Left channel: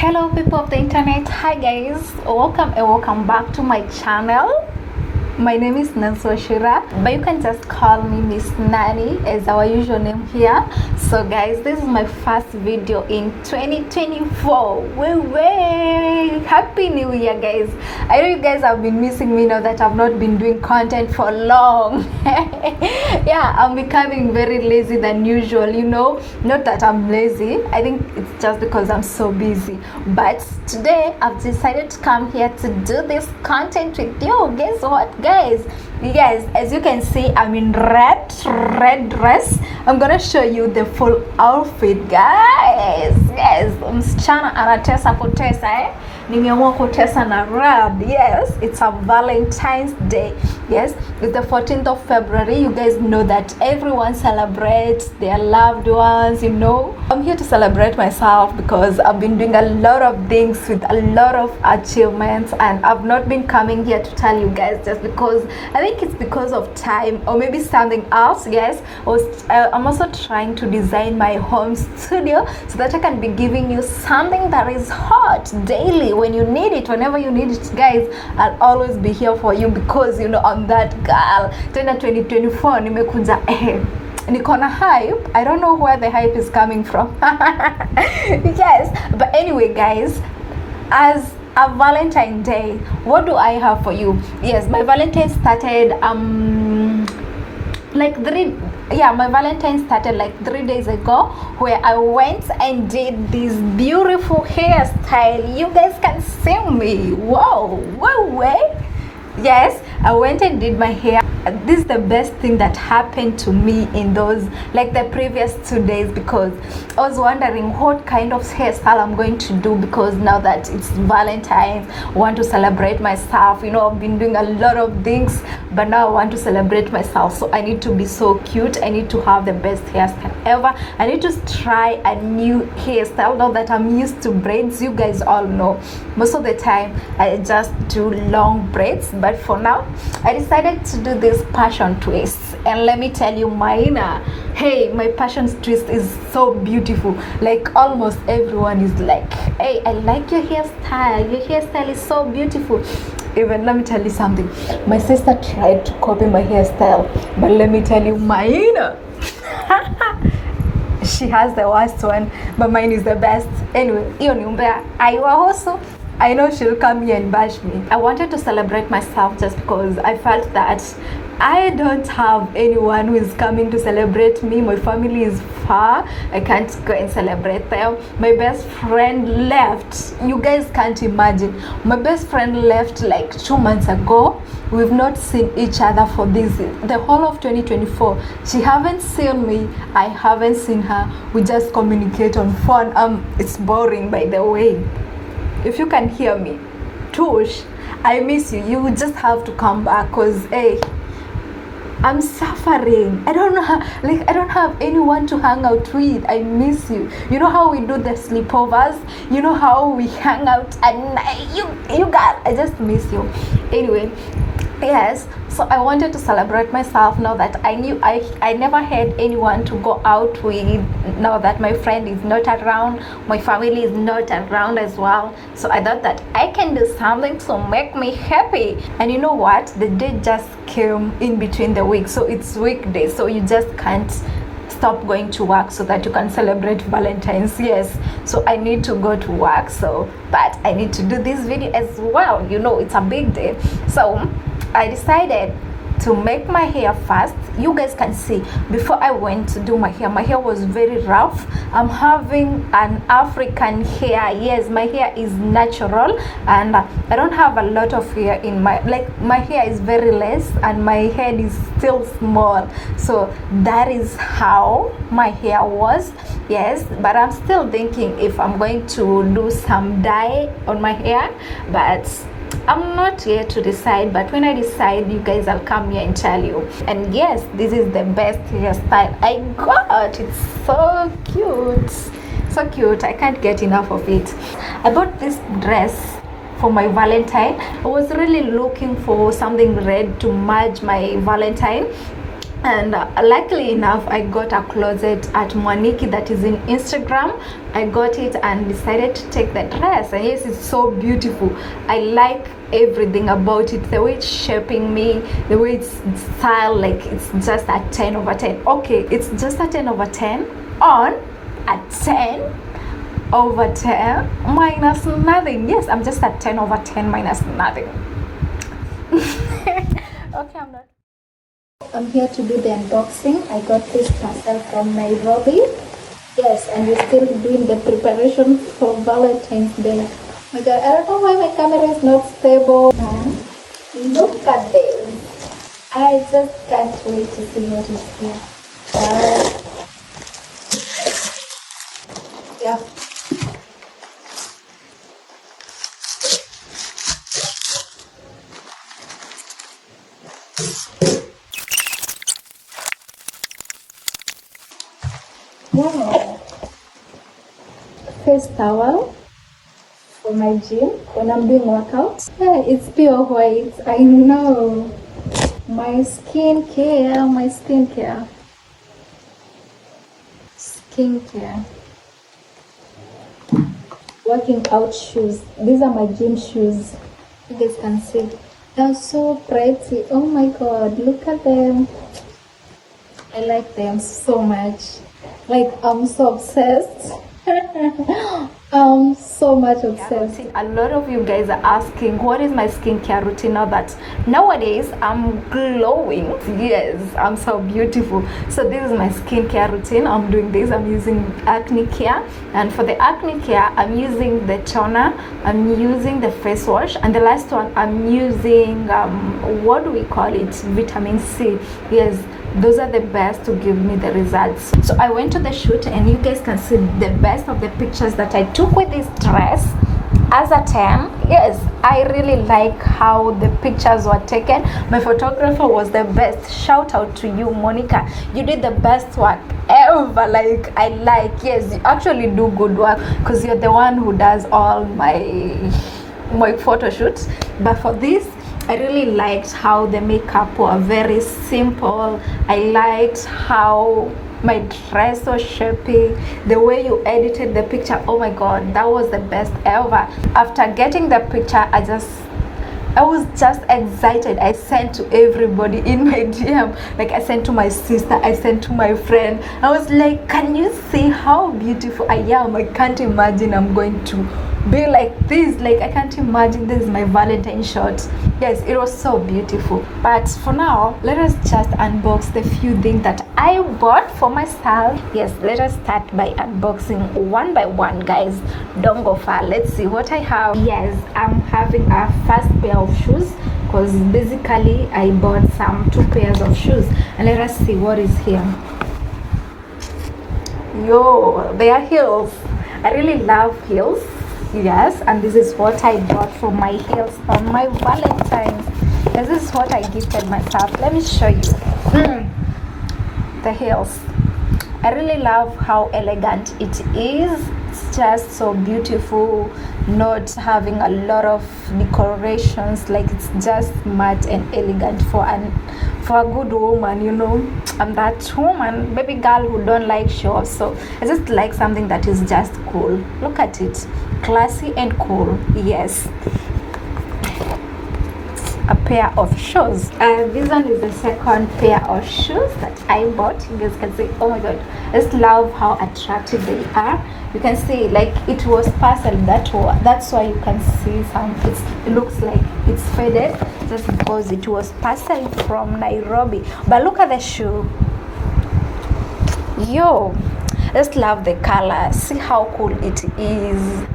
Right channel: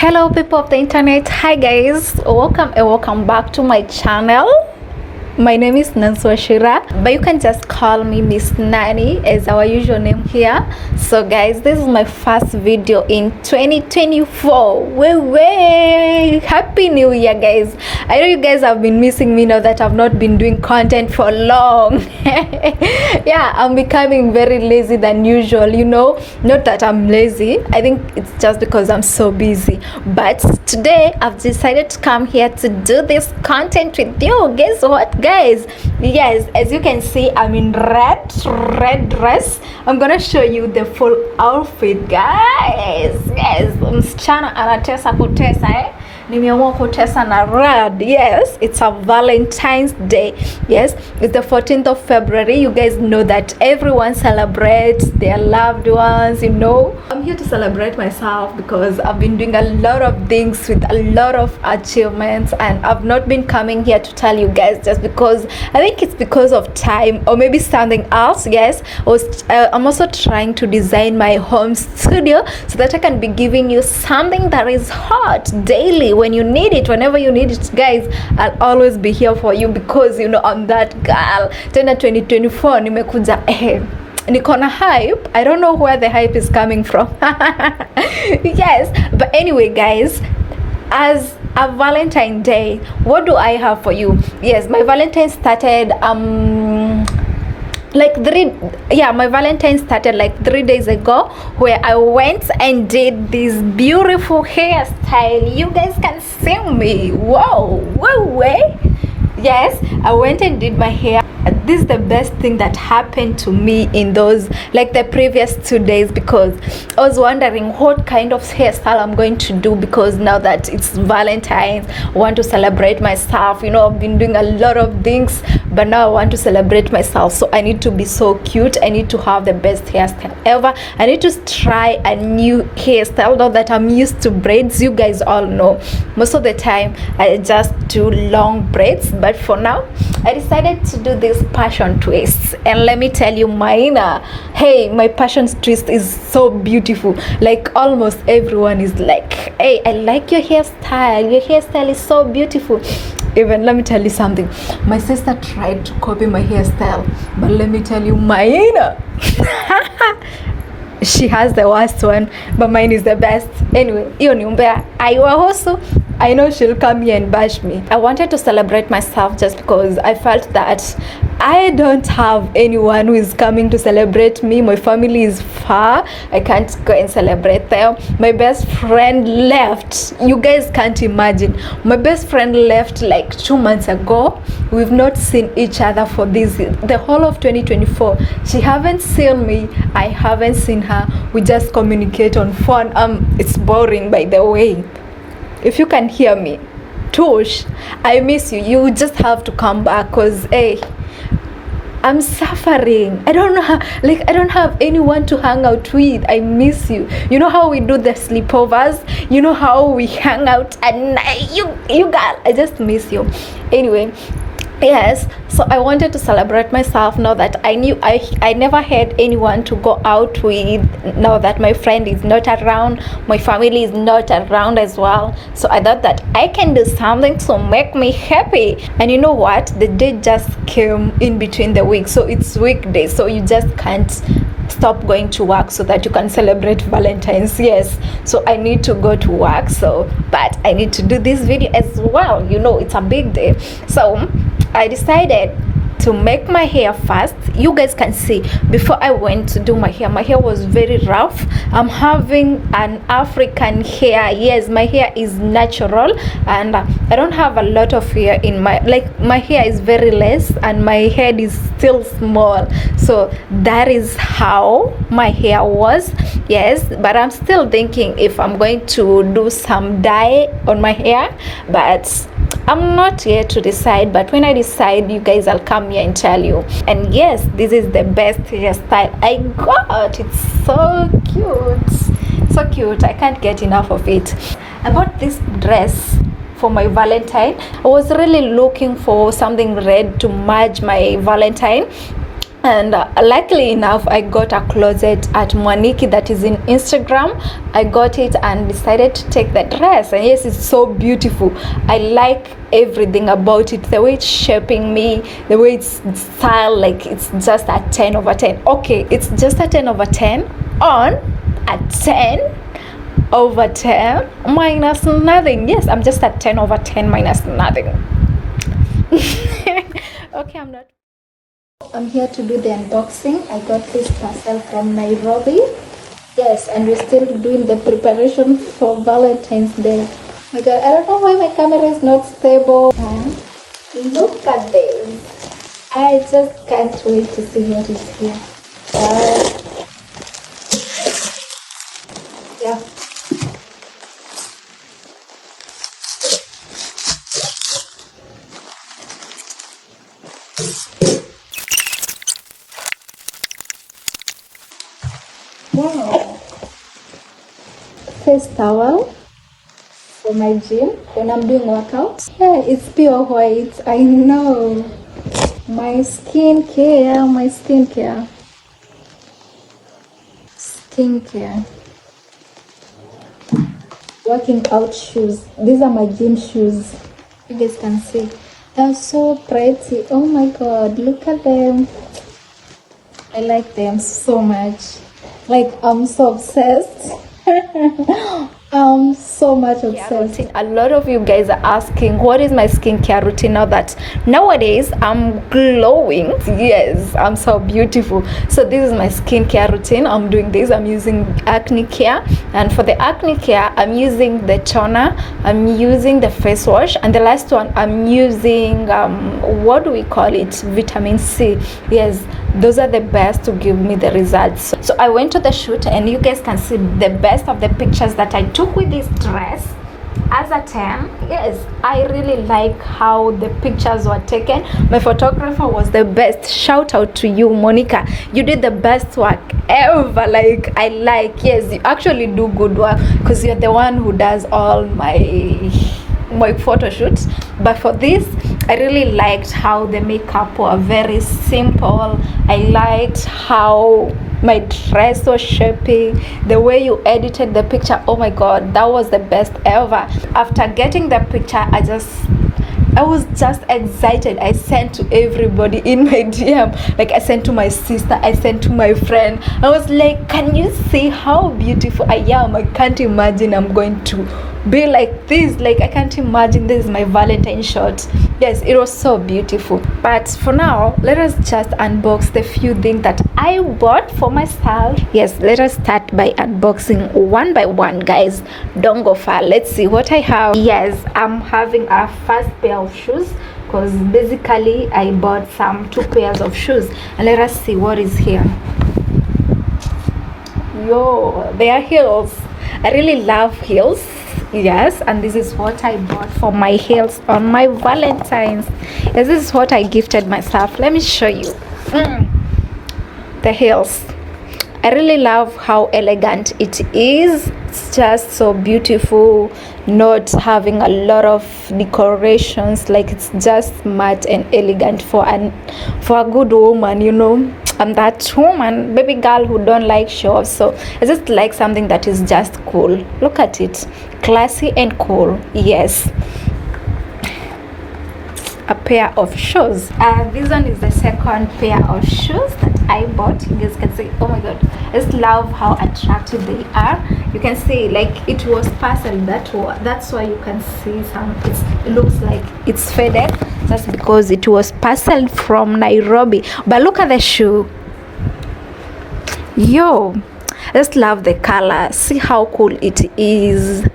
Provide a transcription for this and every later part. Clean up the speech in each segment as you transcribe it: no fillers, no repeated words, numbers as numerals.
Hello people of the internet. Hi guys, welcome and welcome back to my channel. My name is Nancy Shira, but you can just call me Miss Nani as our usual name here. So guys, this is my first video in 2024. Way happy new year guys. I know you guys have been missing me now that I've not been doing content for long. Yeah, I'm becoming very lazy than usual, you know. Not that I'm lazy, I think it's just because I'm so busy. But today I've decided to come here to do this content with you. Guess what guys? Yes, as you can see, I'm in red dress. I'm gonna show you the full outfit guys. Yes, msichana anatesa kutesa nimeamua kutesa na red. Yes, it's a Valentine's Day. Yes, it's the 14th of February. You guys know that everyone celebrates their loved ones, you know. I'm here to celebrate myself because I've been doing a lot of things with a lot of achievements, and I've not been coming here to tell you guys just because I think it's because of time or maybe something else. Yes, I'm also trying to design my home studio so that I can be giving you something that is hot daily when you need it, whenever you need it guys. I'll always be here for you because you know I'm that girl. Tena 2024 nimekuja niko na hype. I don't know where the hype is coming from. Yes, but anyway guys, as a Valentine Day, what do I have for you? Yes, my Valentine started my Valentine started like 3 days ago, where I went and did this beautiful hairstyle. You guys can see me. Whoa, yes, I went and did my hair. This is the best thing that happened to me in those like the previous 2 days, because I was wondering what kind of hairstyle I'm going to do, because now that it's Valentine's, I want to celebrate myself. You know, I've been doing a lot of things, but now I want to celebrate myself, so I need to be so cute. I need to have the best hairstyle ever. I need to try a new hairstyle now that I'm used to braids. You guys all know most of the time I just do long braids, but for now I decided to do this passion twist, and let me tell you mine, my passion twist is so beautiful. Like almost everyone is like, hey, I like your hairstyle is so beautiful. Even let me tell you something, my sister tried to copy my hairstyle, but let me tell you mine, she has the worst one, but mine is the best. Anyway, hiyo ni umbea. I know she'll come here and bash me. I wanted to celebrate myself just because I felt that I don't have anyone who is coming to celebrate me. My family is far. I can't go and celebrate them. My best friend left. You guys can't imagine. My best friend left like 2 months ago. We've not seen each other for the whole of 2024. She haven't seen me. I haven't seen her. We just communicate on phone. It's boring, by the way. If you can hear me, Tush, I miss you. You just have to come back, because I'm suffering. I don't know I don't have anyone to hang out with. I miss you. You know how we do the sleepovers? You know how we hang out at night? You girl, I just miss you. Anyway, yes, so I wanted to celebrate myself now that I knew I never had anyone to go out with. Now that my friend is not around, my family is not around as well, so I thought that I can do something to make me happy. And you know what, the day just came in between the week, so it's weekday, so you just can't stop going to work so that you can celebrate Valentine's. Yes, so I need to go to work, but I need to do this video as well. You know, it's a big day, so I decided to make my hair first. You guys can see, before I went to do my hair was very rough. I'm having an African hair. Yes, my hair is natural, and I don't have a lot of hair in my hair is very less, and my head is still small, so that is how my hair was. Yes, but I'm still thinking if I'm going to do some dye on my hair, but I'm not yet to decide. But when I decide, you guys, I'll come here and tell you. And yes, this is the best hairstyle I got. It's so cute. I can't get enough of it. I bought this dress for my Valentine. I was really looking for something red to match my Valentine, And luckily enough, I got a closet at Mwaniki that is in Instagram. I got it and decided to take the dress, and yes, it's so beautiful. I like everything about it, the way it's shaping me, the way it's styled. Like, it's just a 10 over 10. Okay, it's just a 10 over 10 on a 10 over 10 minus nothing. Yes, I'm just at 10 over 10 minus nothing. Okay, I'm here to do the unboxing. I got this parcel from Nairobi. Yes, and we're still doing the preparation for Valentine's Day. My God, I don't know why my camera is not stable. Look at this. I just can't wait to see what is here. Yeah. Wow. Face towel for my gym when I'm doing workout. Yeah, it's pure white. I know. My skincare. Working out shoes. These are my gym shoes. You guys can see. They're so pretty. Oh my God, look at them. I like them so much. Like, I'm so obsessed. I'm so much obsessed. A lot of you guys are asking, what is my skincare routine now that nowadays I'm glowing? Yes, I'm so beautiful. So this is my skincare routine. I'm doing this. I'm using acne care, and for the acne care, I'm using the toner, I'm using the face wash, and the last one I'm using what do we call it, vitamin C. Yes, those are the best to give me the results. So I went to the shoot, and you guys can see the best of the pictures that I took with this dress as a 10. Yes, I really like how the pictures were taken. My photographer was the best. Shout out to you, Monica. You did the best work ever. Like, I like, yes, you actually do good work because you're the one who does all my photo shoots. But for this, I really liked how the makeup were very simple. I liked how my dress was shaping, the way you edited the picture. Oh my God, that was the best ever. After getting the picture, I was just excited. I sent to everybody in my DM. Like, I sent to my sister, I sent to my friend. I was like, can you see how beautiful I am? I can't imagine I'm going to be like this. Like, I can't imagine this is my Valentine shot. Yes, it was so beautiful. But for now, let us just unbox the few things that I bought for myself. Yes, let us start by unboxing one by one, guys. Don't go far. Let's see what I have. Yes, I'm having a first pair of shoes because basically I bought two pairs of shoes, and let us see what is here. Yo, they are heels. I really love heels. Yes, and this is what I bought for my heels on my Valentine's. Yes, this is what I gifted myself. Let me show you the heels. I really love how elegant it is. It's just so beautiful, not having a lot of decorations. Like, it's just smart and elegant for a good woman, you know. I'm that woman, baby girl, who don't like shows. So I just like something that is just cool. Look at it, classy and cool. Yes, a pair of shoes. This one is the second pair of shoes that I bought. You guys can see, oh my God, I just love how attractive they are. You can see, like, it was parceled that's why you can see it looks like it's faded, just because it was parceled from Nairobi. But look at the shoe. Yo, I just love the color. See how cool it is.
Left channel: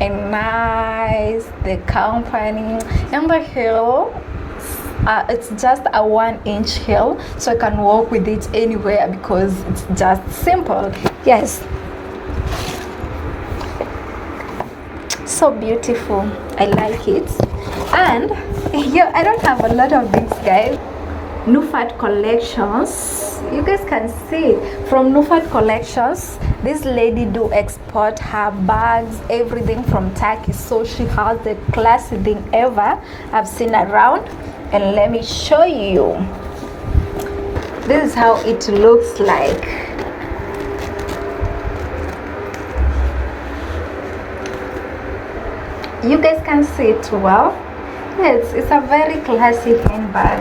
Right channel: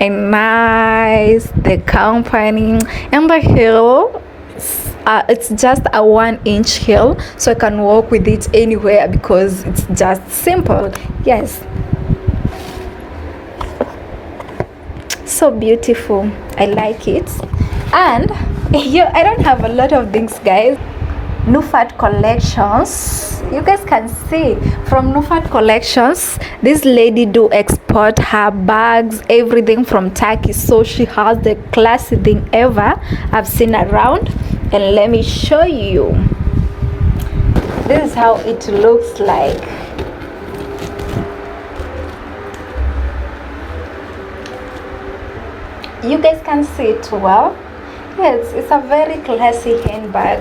And nice, the company, and the heel. It's just a 1-inch heel, so I can walk with it anywhere because it's just simple. Yes, so beautiful. I like it. And yeah, I don't have a lot of things, guys. Nufat Collections, you guys can see from Nufat Collections, this lady do export her bags, everything from Turkey, so she has the classy thing ever I've seen around. And let me show you. This is how it looks like. You guys can see it well. Yes, it's a very classy handbag.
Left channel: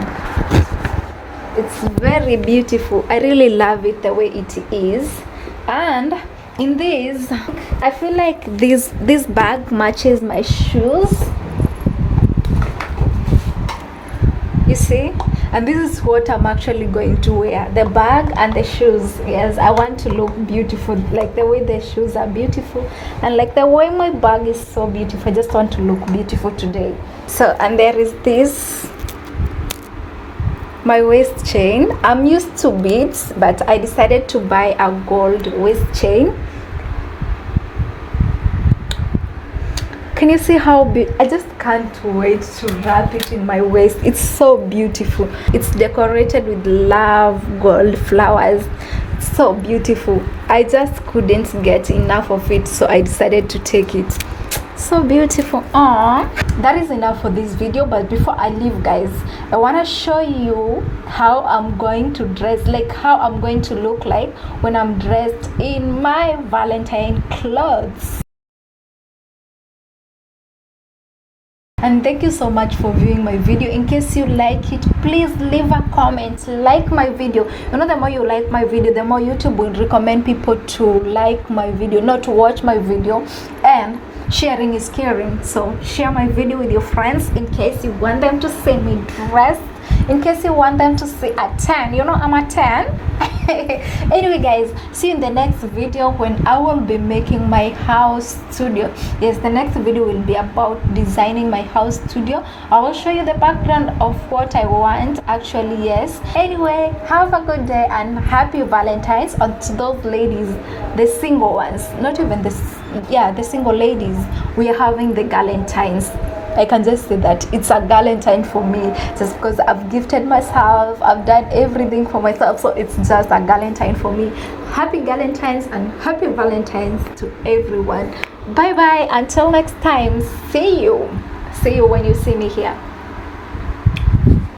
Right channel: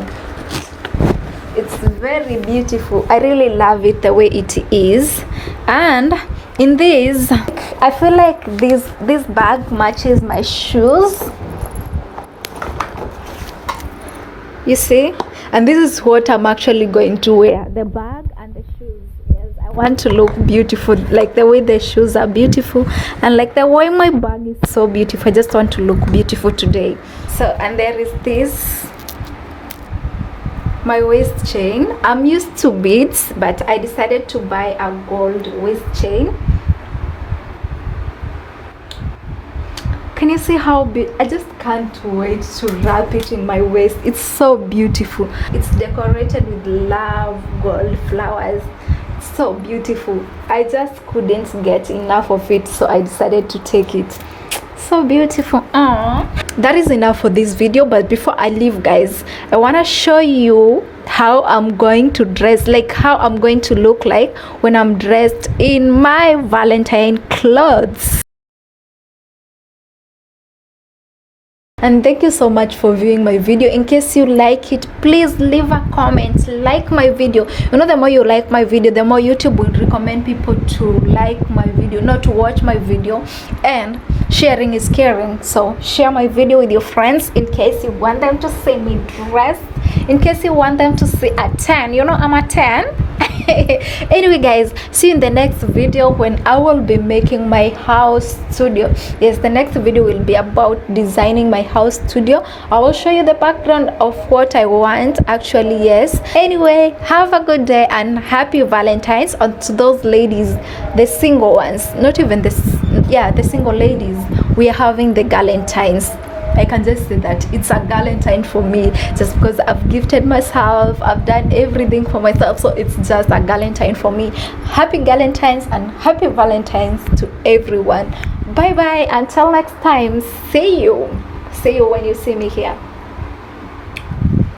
It's very beautiful. I really love it the way it is. And in this, I feel like this bag matches my shoes. You see? And this is what I'm actually going to wear, the bag and the shoes. Yes, I want to look beautiful, like the way the shoes are beautiful, and like the way my bag is so beautiful. I just want to look beautiful today. So, and there is this, my waist chain. I'm used to beads, but I decided to buy a gold waist chain. Can you see how I just can't wait to wrap it in my waist. It's so beautiful. It's decorated with love gold flowers. It's so beautiful. I just couldn't get enough of it, so I decided to take it. So beautiful. Aww. That is enough for this video, but before I leave, guys, I want to show you how I'm going to dress, like how I'm going to look like when I'm dressed in my Valentine clothes. And thank you so much for viewing my video. In case you like it, please leave a comment, like my video. You know, the more you like my video, the more YouTube will recommend people to like my video, not to watch my video. And sharing is caring, so share my video with your friends in case you want them to see me dressed, in case you want them to see a 10. You know, I'm a 10. Anyway, guys, see you in the next video when I will be making my house studio. Yes, the next video will be about designing my house studio. I will show you the background of what I want actually. Yes, anyway, have a good day and happy Valentine's. And to those ladies, the single ones, not even the single ladies, we are having the Valentines. I can just say that it's a Valentine for me, just because I've gifted myself, I've done everything for myself, so it's just a Valentine for me. Happy Valentines and happy Valentines to everyone. Bye bye, until next time. See you when you see me here.